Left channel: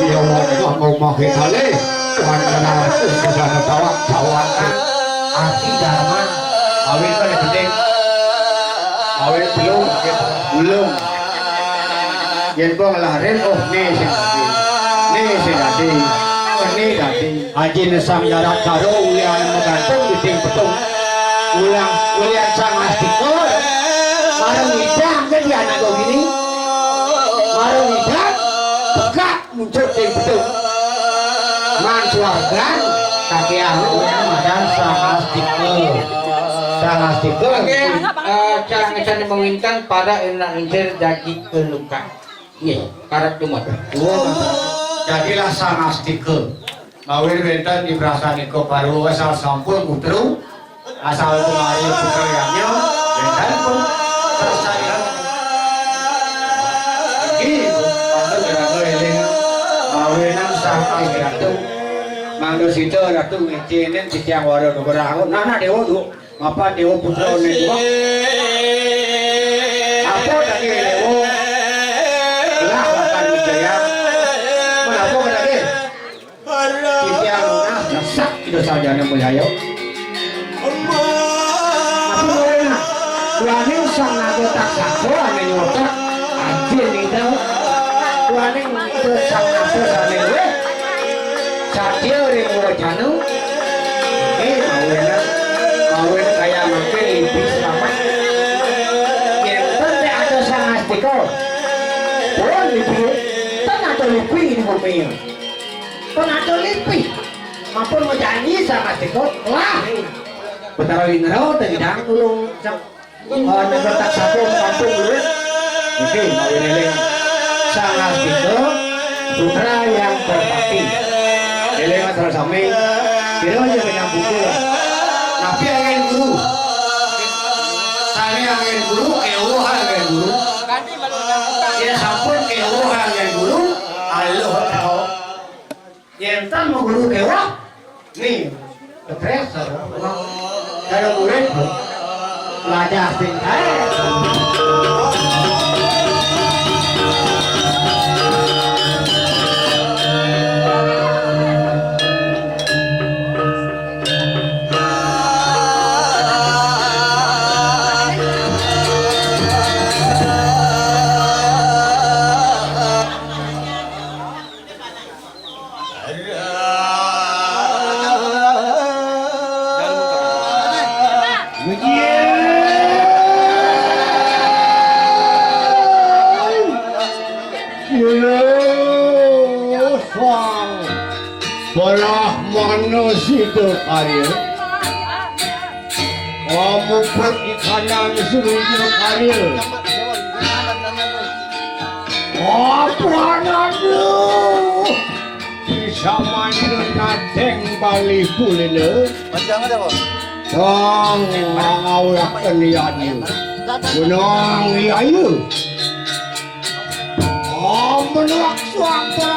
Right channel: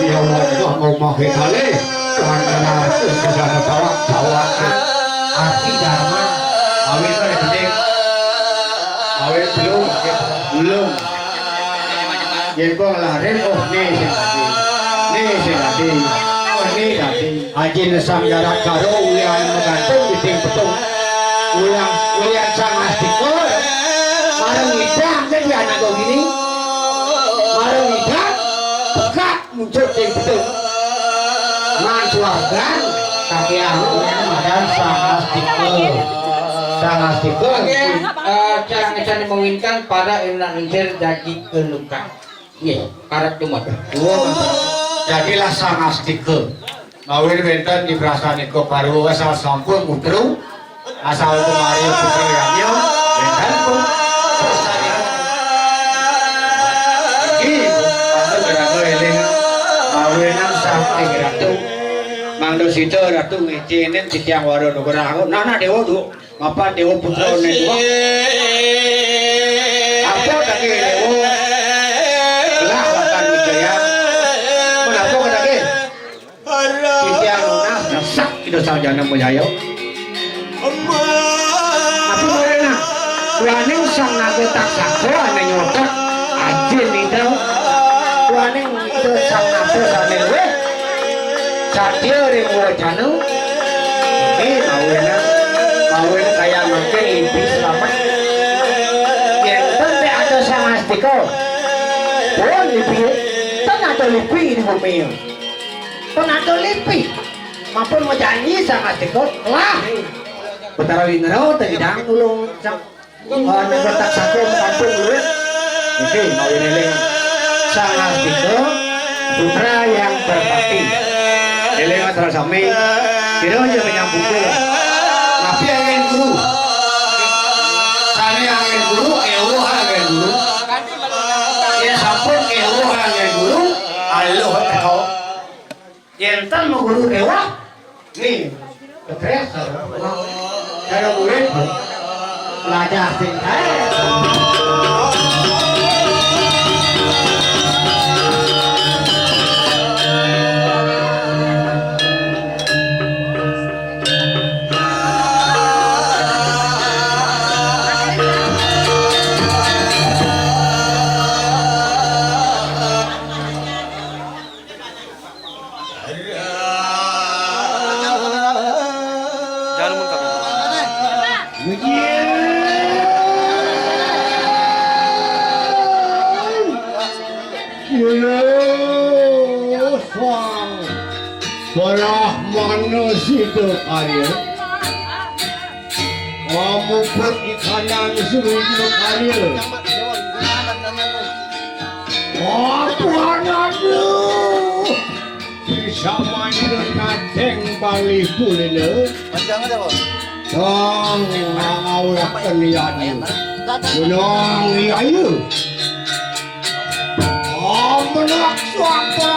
dia mau makin kali karena sudah tawak arti dharma awet kan penting awet belum yang gua ngelarin oh nih Haji Nesam Jarak Karo ulian menggantung di tim petung ulian sang astiko marang hidang jadi anak kau gini marang hidang buka muncul tim petung mansuagan kaki anu dan sang astiko cara mengawinkan pada enak lencer jadi keluka nih karat cuma jadilah sang astiko ngawin benten di prasaniko baru asal sampun mutru asal kemarin putra yanyo benten pun prasaniko ini pantu beranggo eling ngawinan sampai ratu mangdo sito ratu ngecinin titiang waro nugraho nana dewa du apa dewa putra nego apa tadi dewa lah bahkan wijaya menapa tadi kita saja nak menyayo. Apa bolehna? Kuaning sang naga tak sakso ane nyotak anjir itu. Kuaning itu sang naga ane we. Sadio remuro janu. Mawena kaya mungkin impi selamat. Yang penting ada sang astiko. Boleh lipi. Tan ada lipi di bumi. Tan ada lipi. Maupun mau janji sama tiko lah betara winero tidak tulung negara tak satu kampung dulu oke mau ini sangat tiko putra yang berbakti ele masalah sami kira aja menyambung tapi angin guru sani angin guru ewo angin guru ya sampun ewo angin guru alo teko yentan mau guru ewo nih, stres, kalau murid belajar tinggal. Situ karya kamu perikanan seluruh karya apa nadu bisa main kadeng bali kuliner sang mengawak kenian gunung liayu menolak suara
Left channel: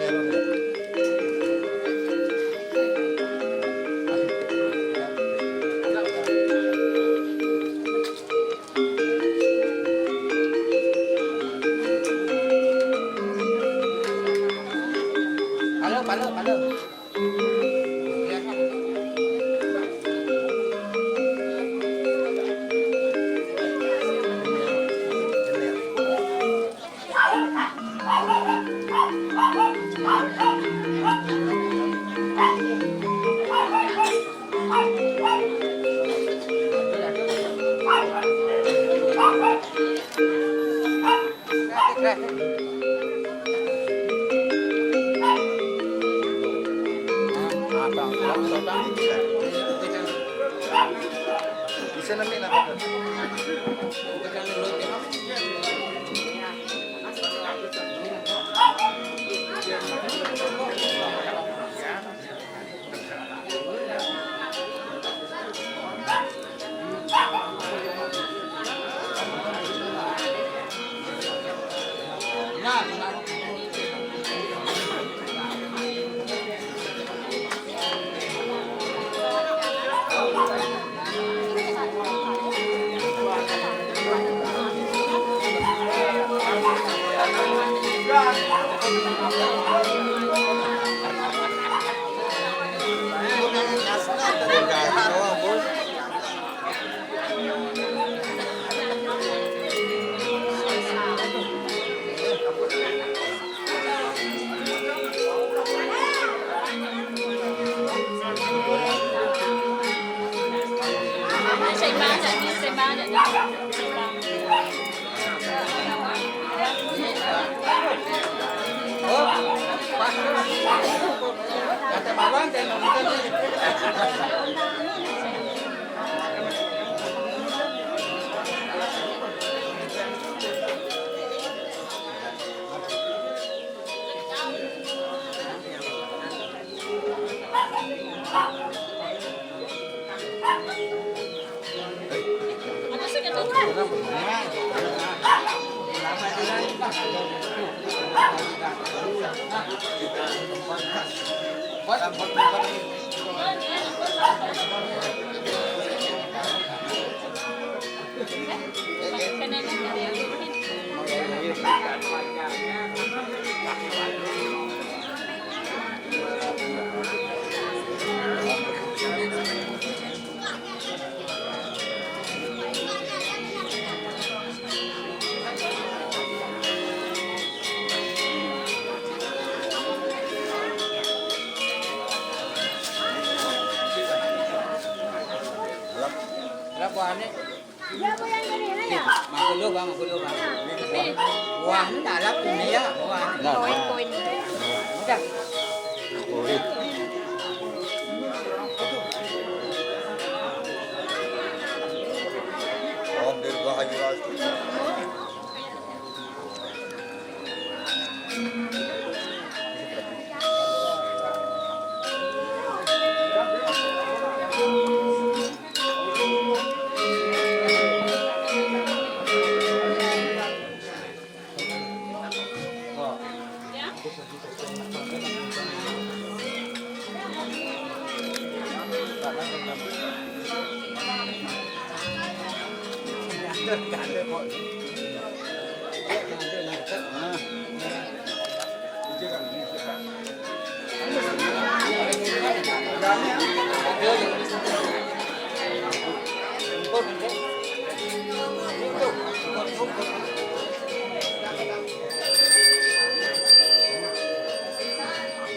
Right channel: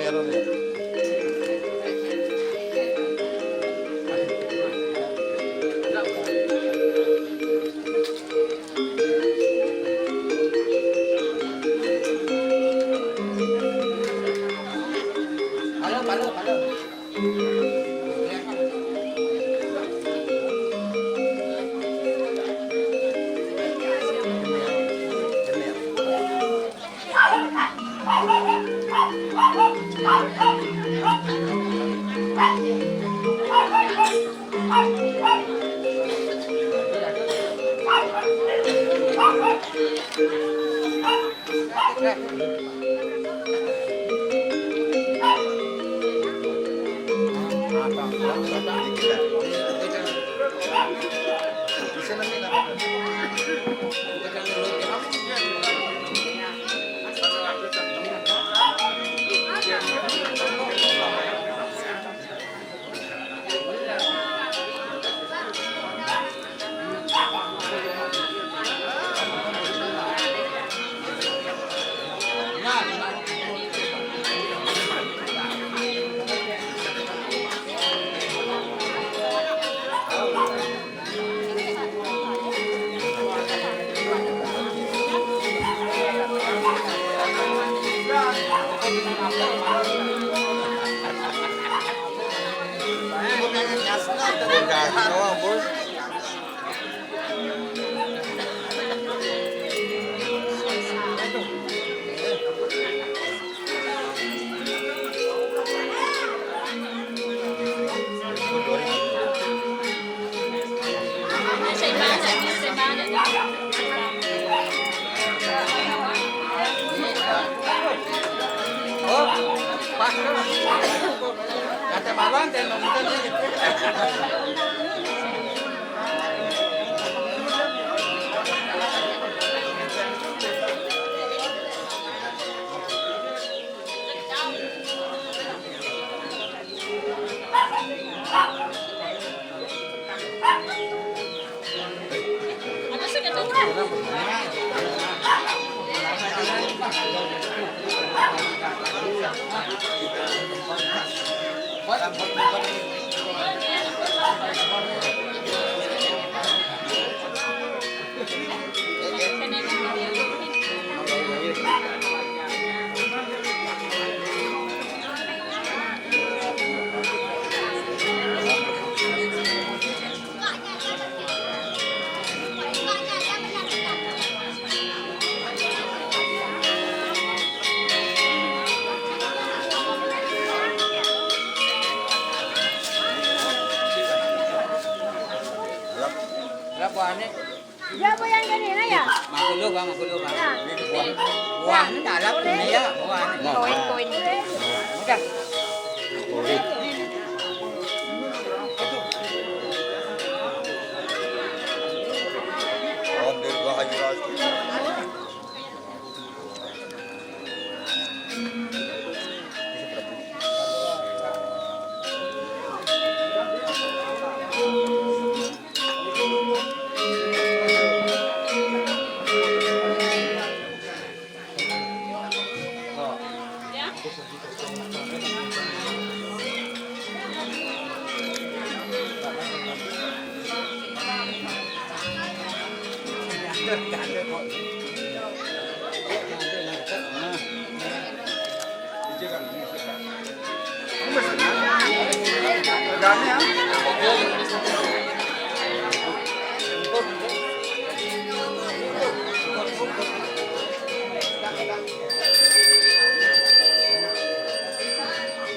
Meron ya. Palo. Bisa namin ako. Kata babang dan nonton Ya po yan kanina ya. magulo ba? Buwan na dalap niya. Koin. Udah. Om Dirgahayu Rasti.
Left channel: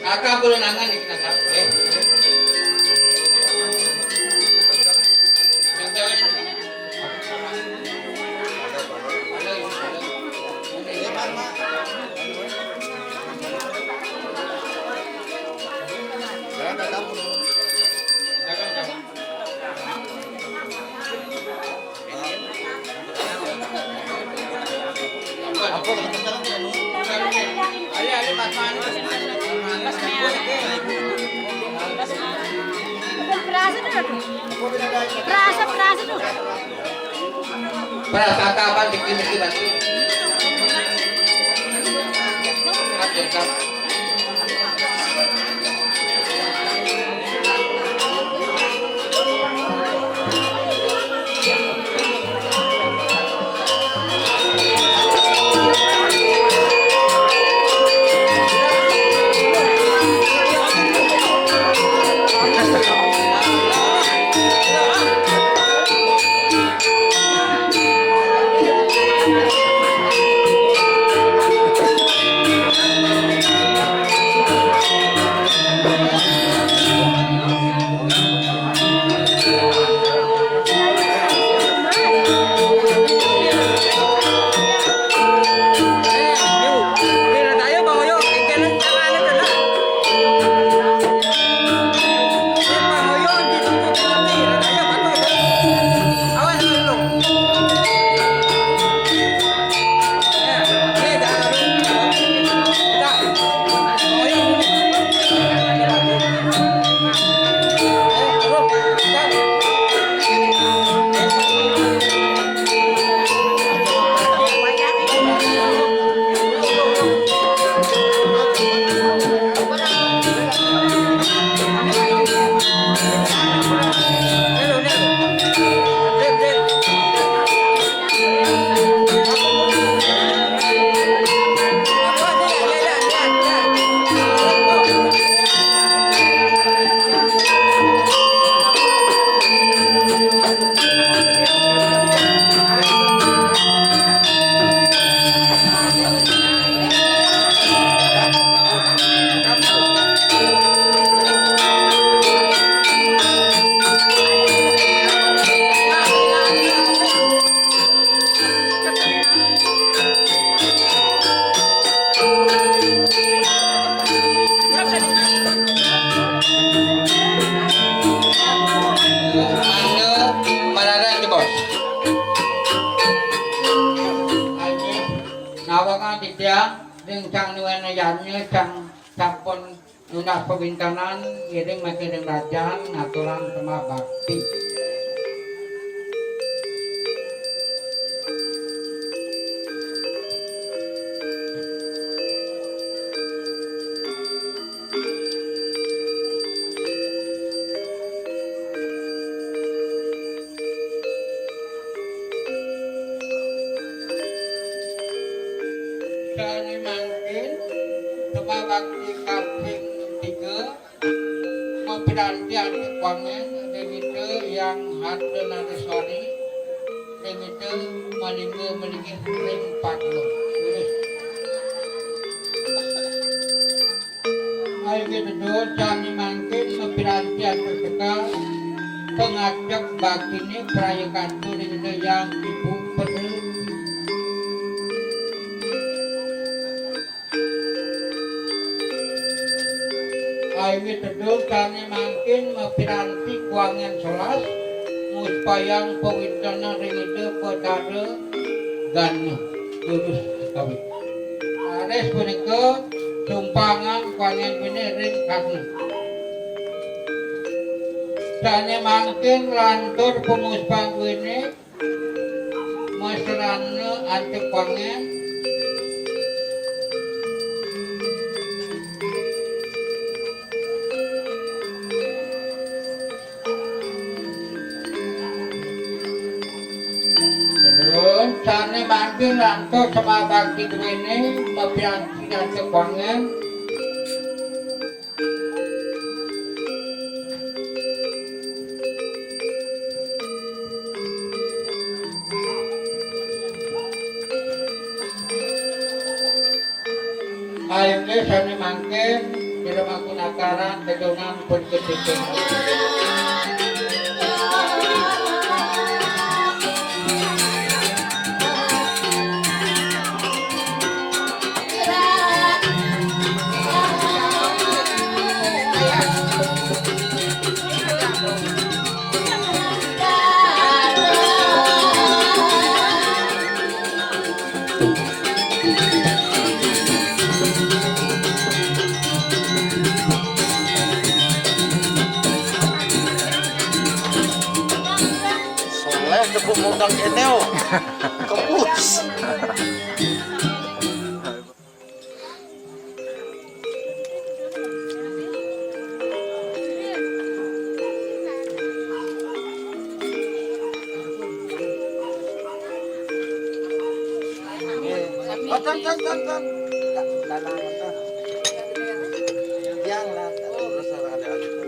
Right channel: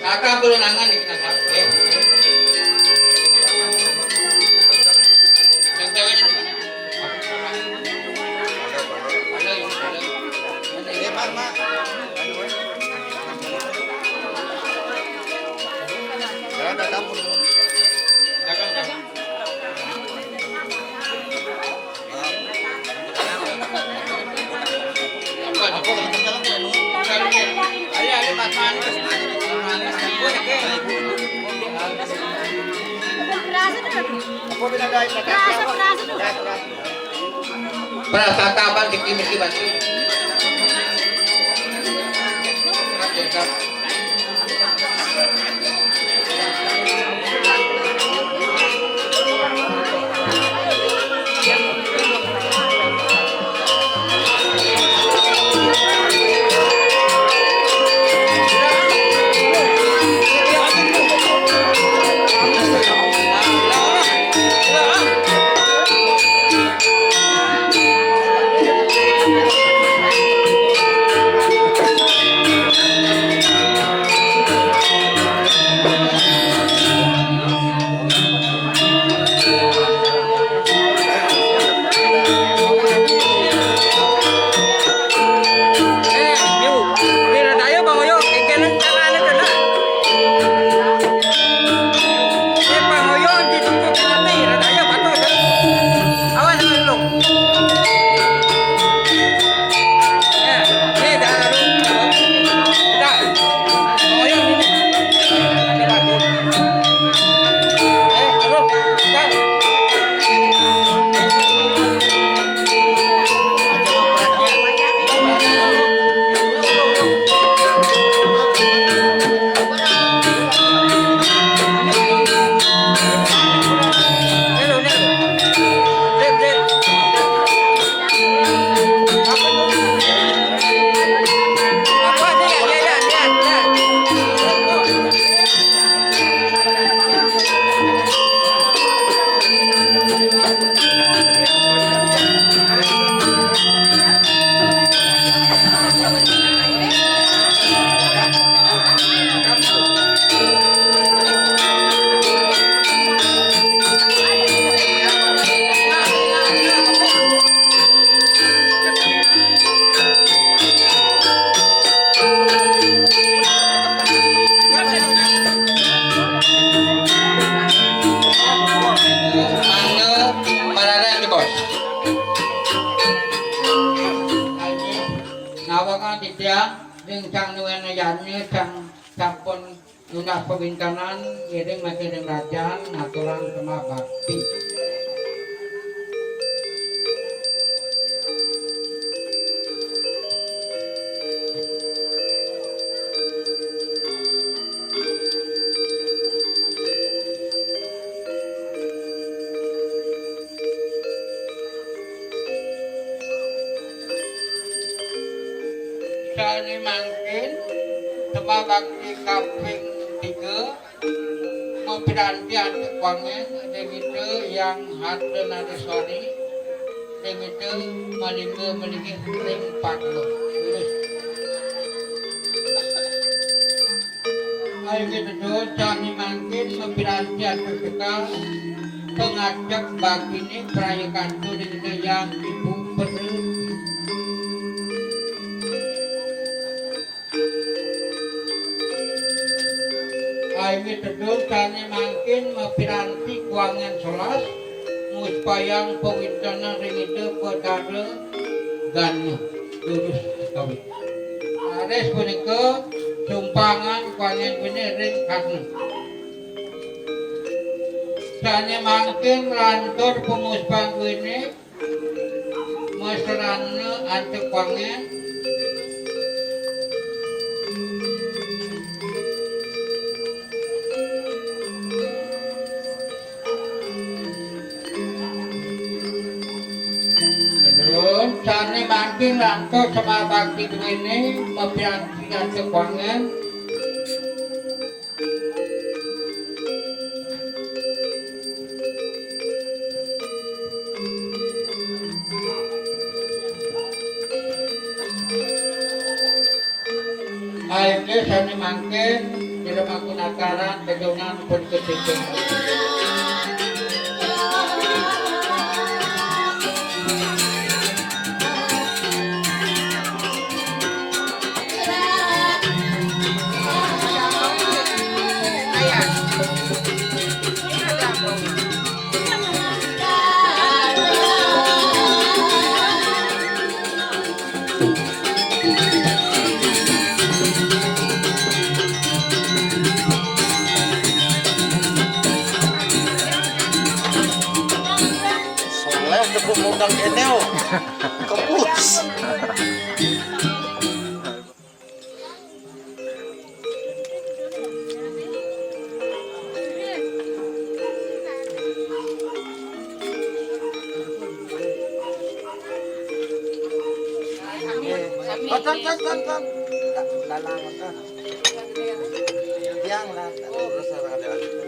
Kakak perlu nangan di kakak. Ada. Perasa tuh. Perasa tuh. Perasa kapan bikin-bikin sampun lunas pemerintahan ngiring makin kerajaan aturan sama bakti. Sani mangkin sama bakti kaping 3 mempiranti anti kwangen demitu yang hadle nadeswari demitu malingge ring patlo lurus ayo gitu sani mangkin mempiranti anti sekal pengajak bakti ini perayakan itu demitu yang ibu perlu Aimi teduh kami mangkin mepiranti kuangan solas muspayang pewintana ringide pedara gan lurus kawit. Ares punika sumpangan kuangan bini ring karna. Sane mangkin lantur penguspang bini mesrana ante kuangan terus sane mangkin lantur sama bakti duwene mepiranti ante kuangan akhirnya sane mangkin diremangkun akaran kejongan pun ketikeng undang di Eteo. Kepus. Oh, ton. Dalangan ton. Yang lah, terus ada alitan.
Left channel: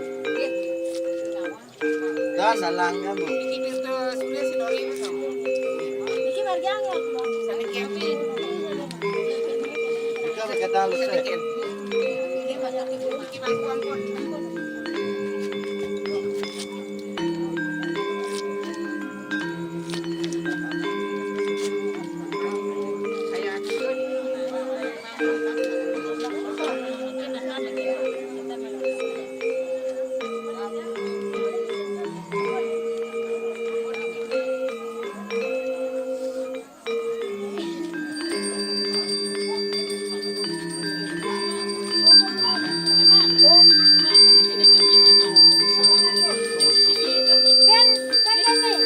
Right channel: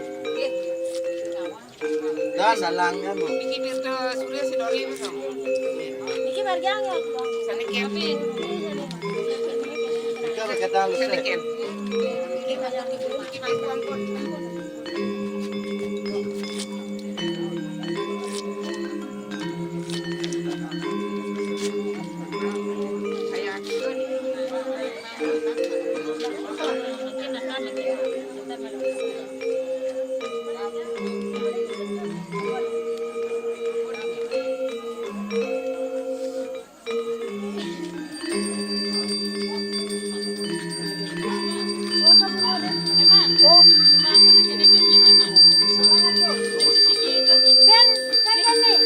Dan dalangnya bu. Niki barjang ya. Jika berkata halus sih. Kan nih.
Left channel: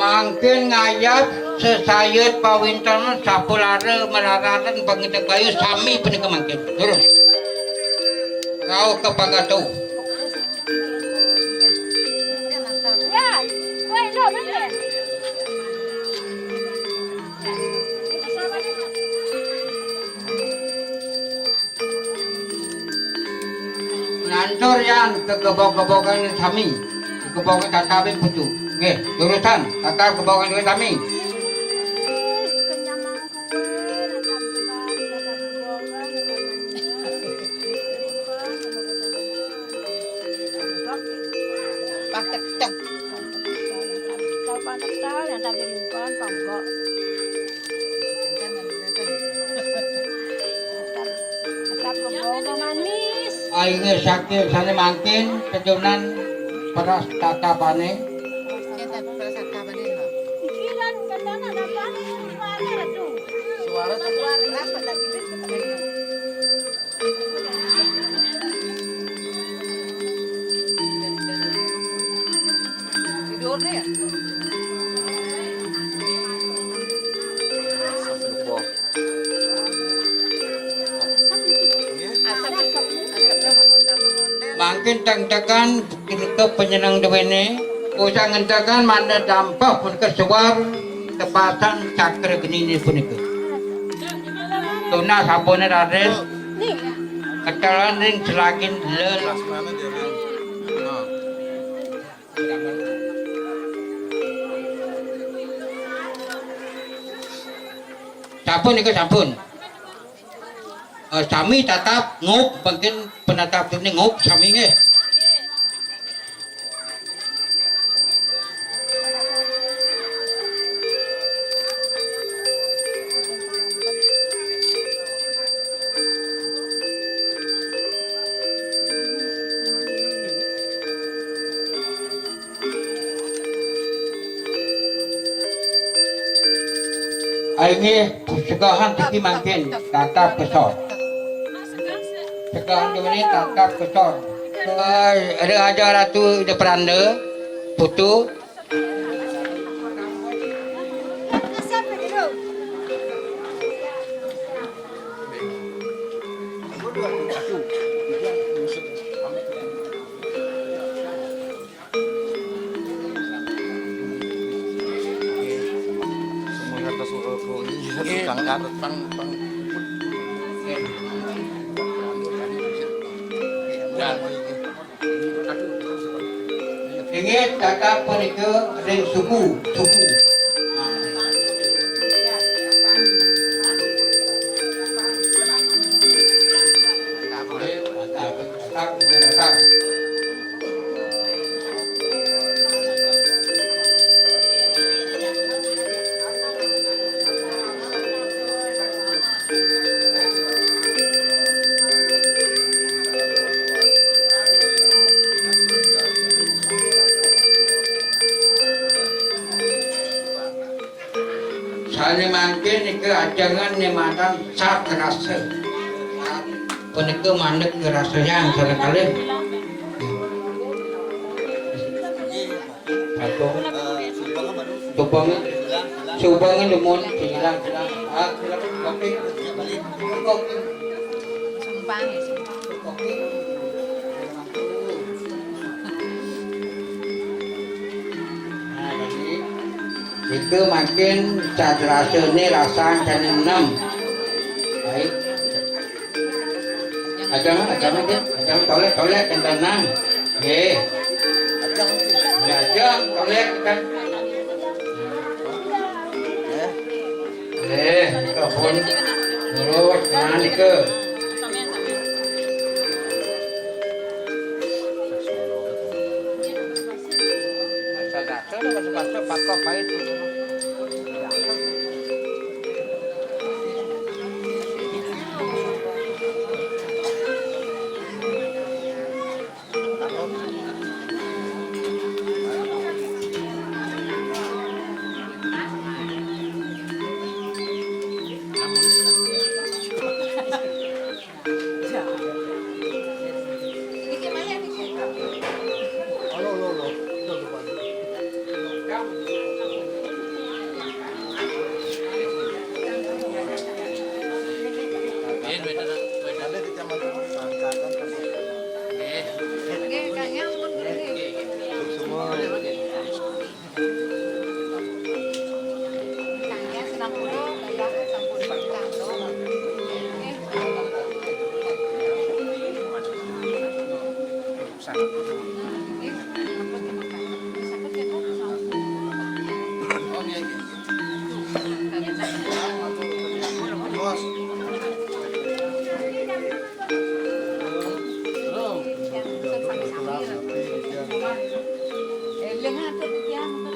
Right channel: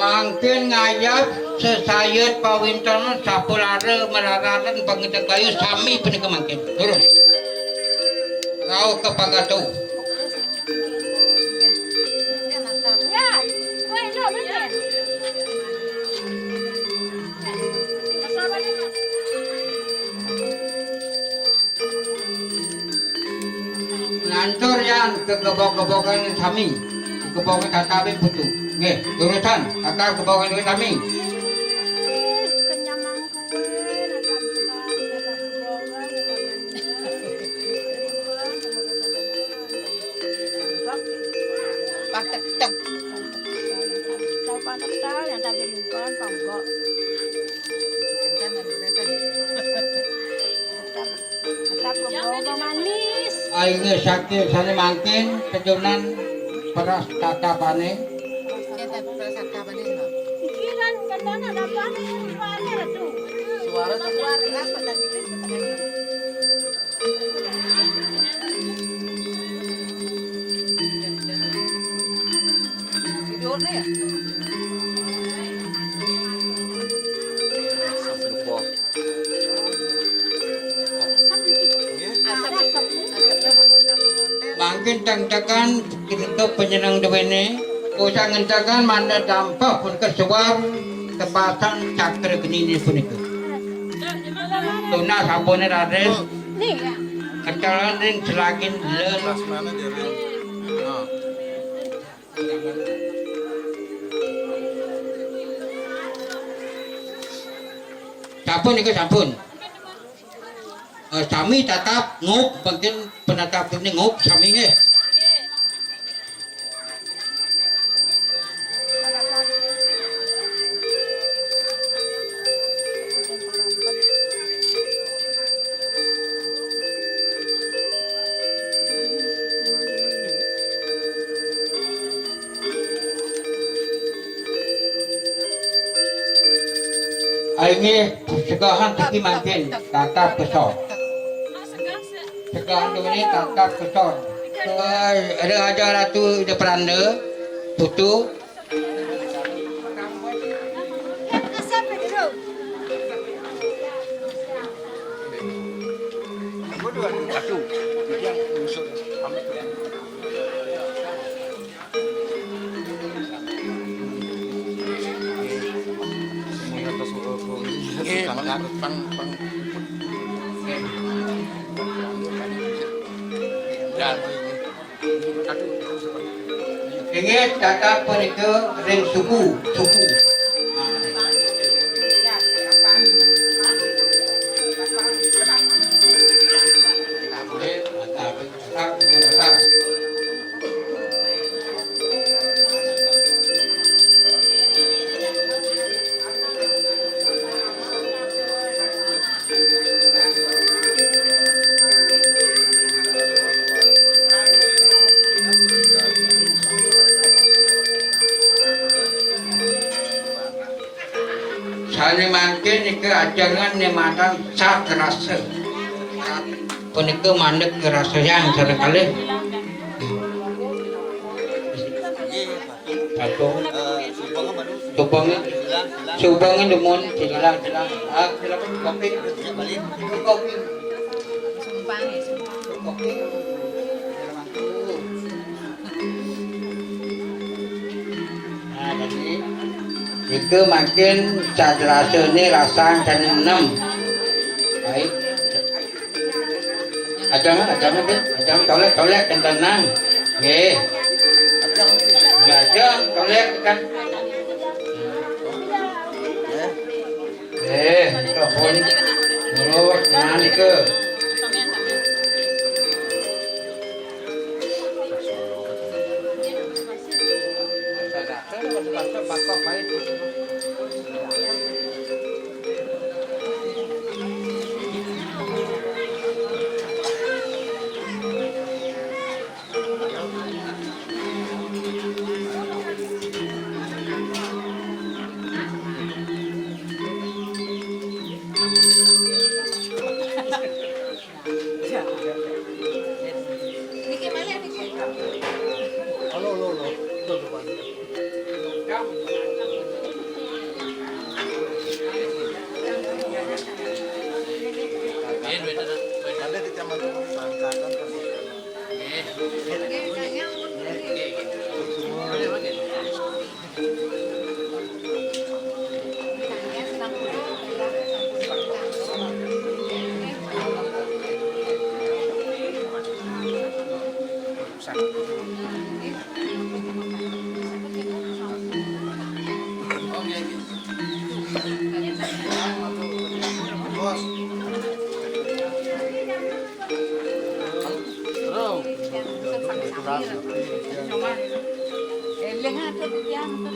Mangkin ngayap sesayat pawintan sapulare melaratan pengitak bayu sami penika mangkin. Turun. Rau ke Pagatu. Ya. Woi, lo mana? Nantor yan ke gebok-gebokan sami. Gebok tatabin putu. Nggih, urusan tatap gebokan duit sami. Kenyamang kue, natap juga, natap boga, natap pantak tahu yang tak diringkon, panggok. Natap boga manis. Aing sakit sane mangkin kejunan peras tatapane. Pikiran kandana dapat suara tu. Suara tuh. Suara pada gitu kepada ini. Tidurnya ya? Lupa. Asapnya Mangkin tangtakan ke penyenang dewene. Usah ngentakan mana dampak pun kesuar tepatan cakra genini punika. Tuna sabone raden nih. ketalan ring selagin lel. Kelas mana dia Ren? Nah. Sampun iku sampun. Sami tatap ngup bagian penatap ini ngup sami nggih. Aini segahan tiki mangkin tatap kesor. Segahan ini tatap kesor. Ada aja ratu de peranda putu. Asap dulu. Aduh. Yang musuh kami tuh. Semua kata soal kau ini tukang karet pang puput. Ingat tatap pun itu ring suku. Tatap. Sani mangkin iku ajangan nematan satrase. Punika mandek rasa yang sarakali. Patung. Subangin demun silang. Ah, silakan kopi. Kopi. Sumpang ya, sumpang. Kopi. Nah, jadi itu makin sadrase ini rasa dan enam. Baik. Ajang tolek dan tenang. Ajang tolek kan. Ito pun. Nurut, nah ke. Sadrase udah masuk pakok pahit. Niki mana Niki? Ada di taman tuh sangkatan kan. Kayaknya ampun. Semua. Kayaknya 90, bayar 90 kantong. Oh iya. Bos. Terus. Lengan tuh pian tuh.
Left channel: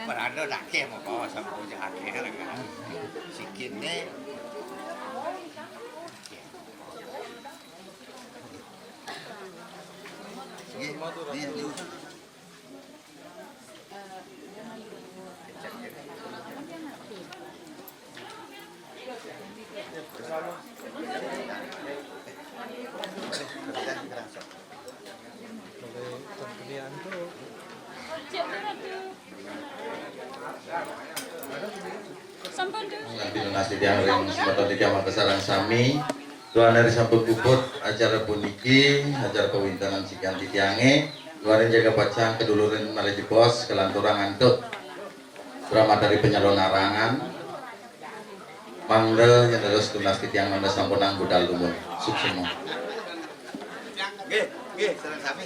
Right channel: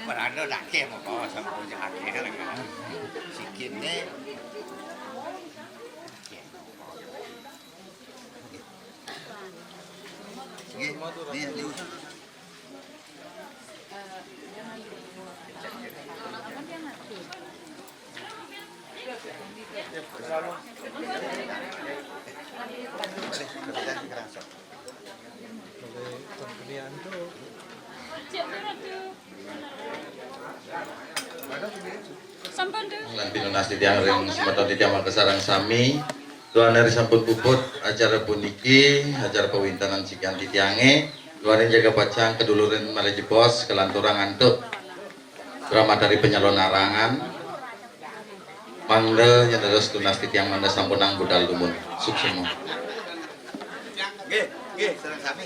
Perano laki mau bawa sama punya akeh lah kan. Sikitnya nanti lunas di tiang ring semata di tiang kesarang sami tuan dari samput puput acara puniki acara pewintanan sikian di tiange tuan jaga pacang keduluran maleji pos kelanturang antuk drama dari penyalon narangan mangde yang terus lunas di tiang mangde sampunang budal lumut suksemo serang kami.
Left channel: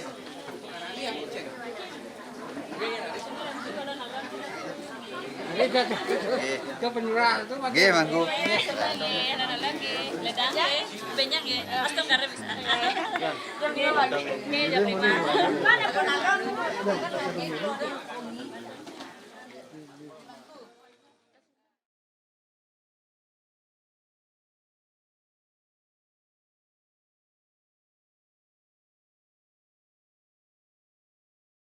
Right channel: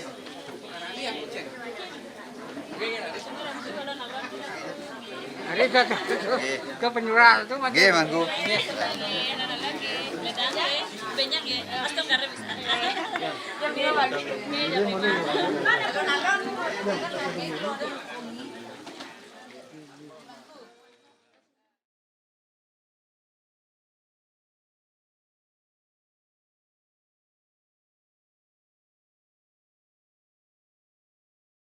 Ke penyurah itu mah. Ge mangku. Banyak ya. Asam garam bisa. Jam 2 pagi.